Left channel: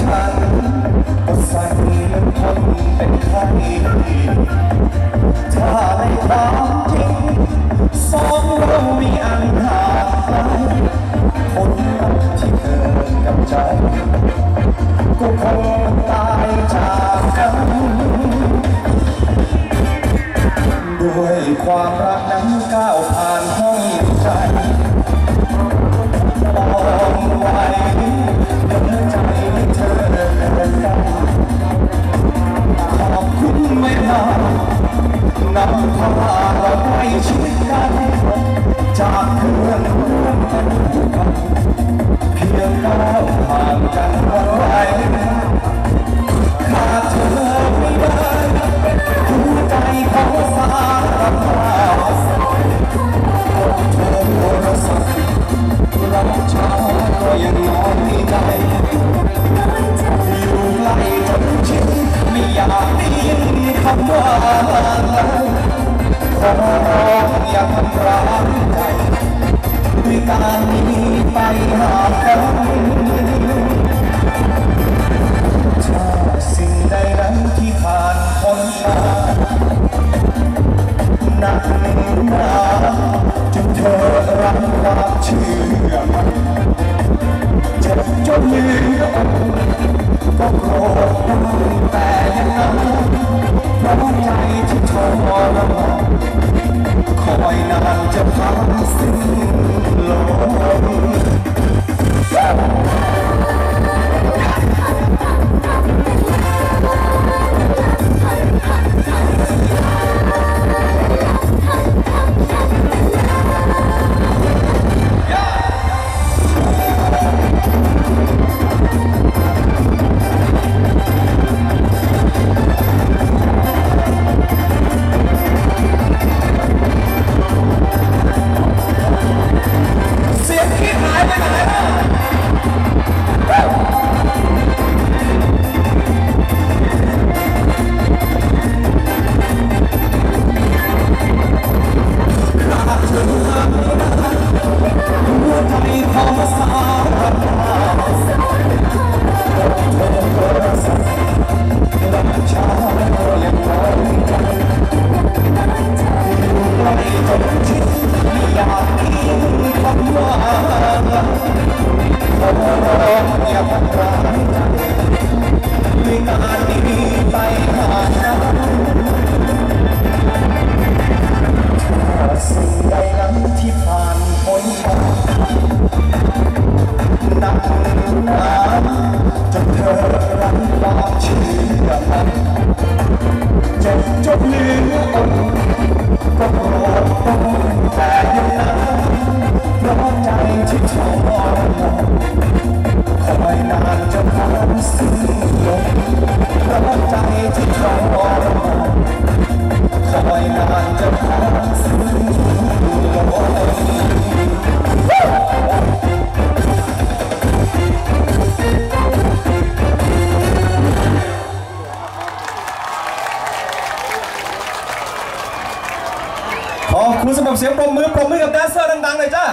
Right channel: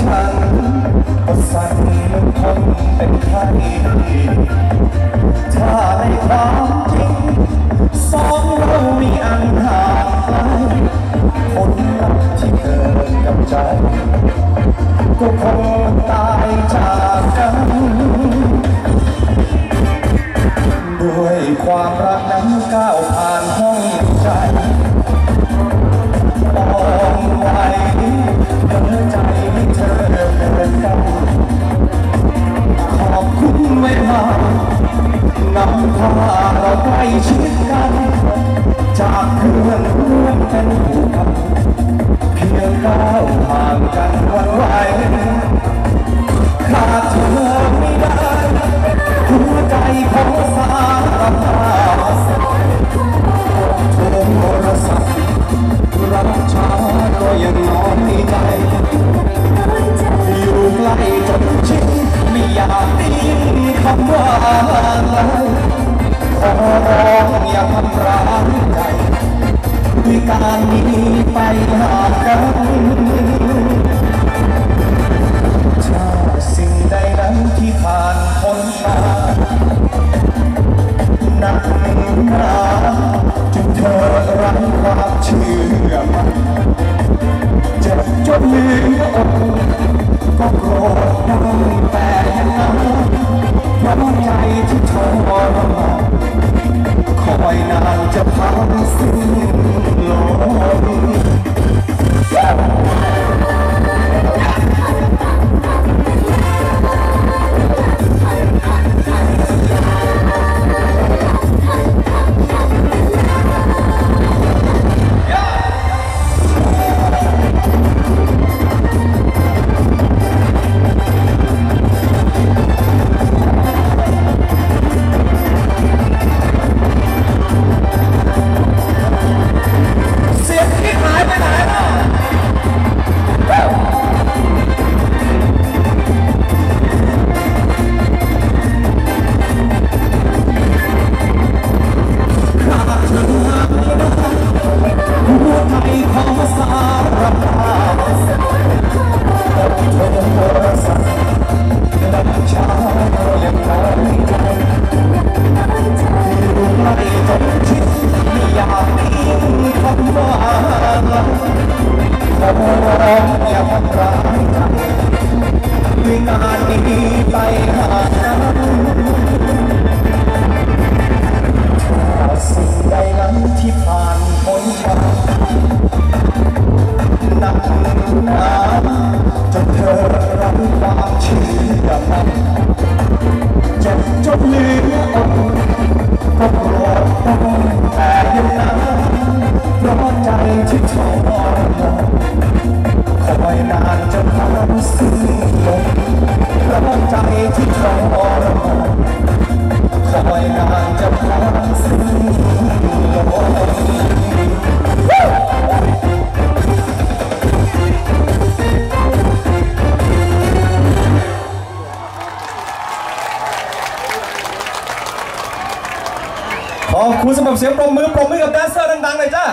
ฉัน ก็สั่นเหมือนคนเป็นไข้ถ้าในความจริง สองเรามีอันห่างไกลผลลัพธ์ที่เกิดกับใจ ก็คงตายจากกัน ด้วยความรักนั้นก้าวผ่านห้อง เราใกล้ชิดกัน จากเพื่อนร่วมเป็นผู้กันเพียงก้าวห่างกันวันไหวขาดเธอไม่ได้หัวใจขอสารภาพกดโทรศัพท์รับช้าก็ยังน้อยใจอยู่ใกล้จนชินไม่อยากได้ยินคำว่าเลย ขอร้องอย่าทำร้ายใจด้วยการหนีไปหากันถ้าสิ่งใดนั้นที่ผ่านพ้นมาหนักหนาจนเธอไร้ความเชื่อมัน เพราะใจที่ทรมานคอยนานจะพังสิ้นลมำว่าขอร้องอย่าทำร้ายใจด้วยการหนีไปหากันถ้าสิ่งใดนั้นที่ผ่านพ้นมาหนักหนาจนเธอไร้ความเชื่อมันจ็บจนเหลืออดก็โกรธได้แต่ยังนั้น ร้อนใจที่ทรมานคอยนานจะผ่านสิ้นลมร้อนใจที่ทรมานคอยนานจะผ่านสิ้นลมขอบคุณสำหรับเสียงปรบมือปรบมือกับแดนเซอร์ดังๆเลยจ้า